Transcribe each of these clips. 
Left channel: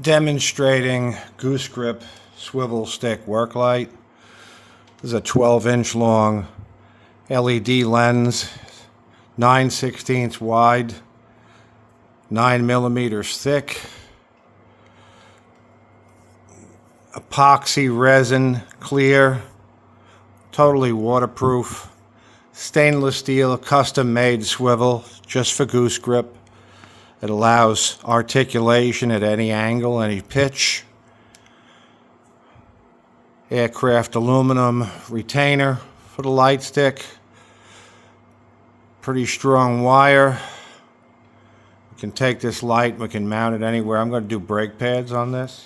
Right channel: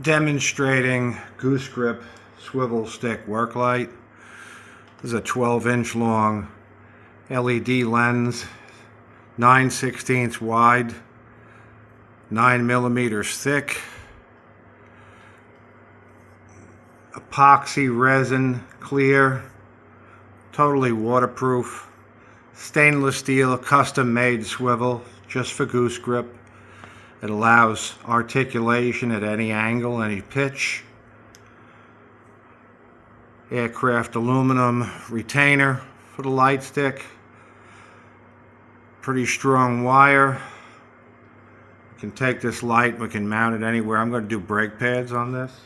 Demonstrating Goose-Grip SwivelStick work light. This is a 12-inch long LED lens, 9/16 wide, 9 millimeters thick. Epoxy resin, clear, totally waterproof. Stainless steel, custom made swivel just for Goose-Grip. It allows articulation at any angle, any pitch. Aircraft aluminum retainer for the light stick. Pretty strong wire. We can take this light, we can mount it anywhere. I'm going to do brake pads on this.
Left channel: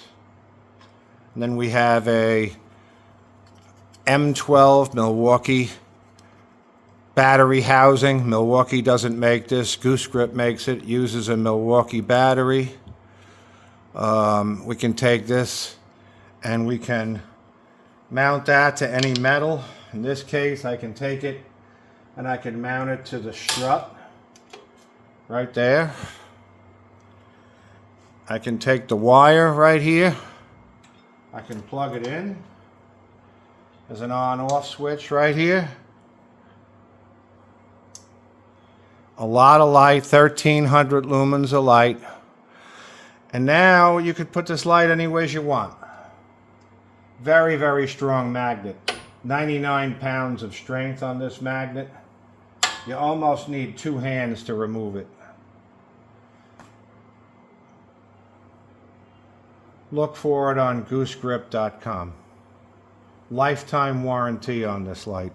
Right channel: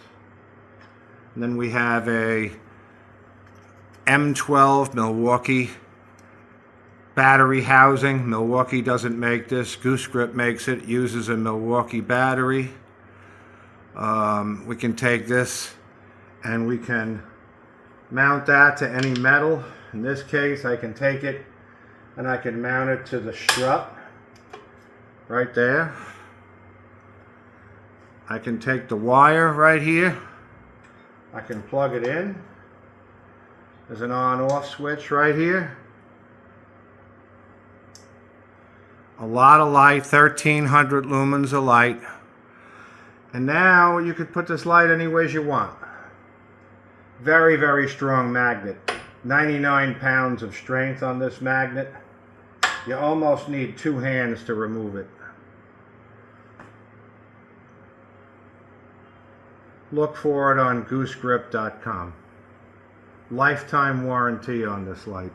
And then we have a M12 Milwaukee battery housing. Milwaukee doesn't make this. Goose-Grip makes it. Uses a Milwaukee battery. We can take this and we can mount that to any metal. In this case, I can take it and I can mount it to the strut right there. I can take the wire right here. I can plug it in. There's an on-off switch right here. A lot of light, 1300 lumens of light. And now you could put this light any ways you want. Very, very strong magnet. 99 pounds of strength on this magnet. You almost need 2 hands to remove it. Look for it on goosegrip.com. Lifetime warranty on this light.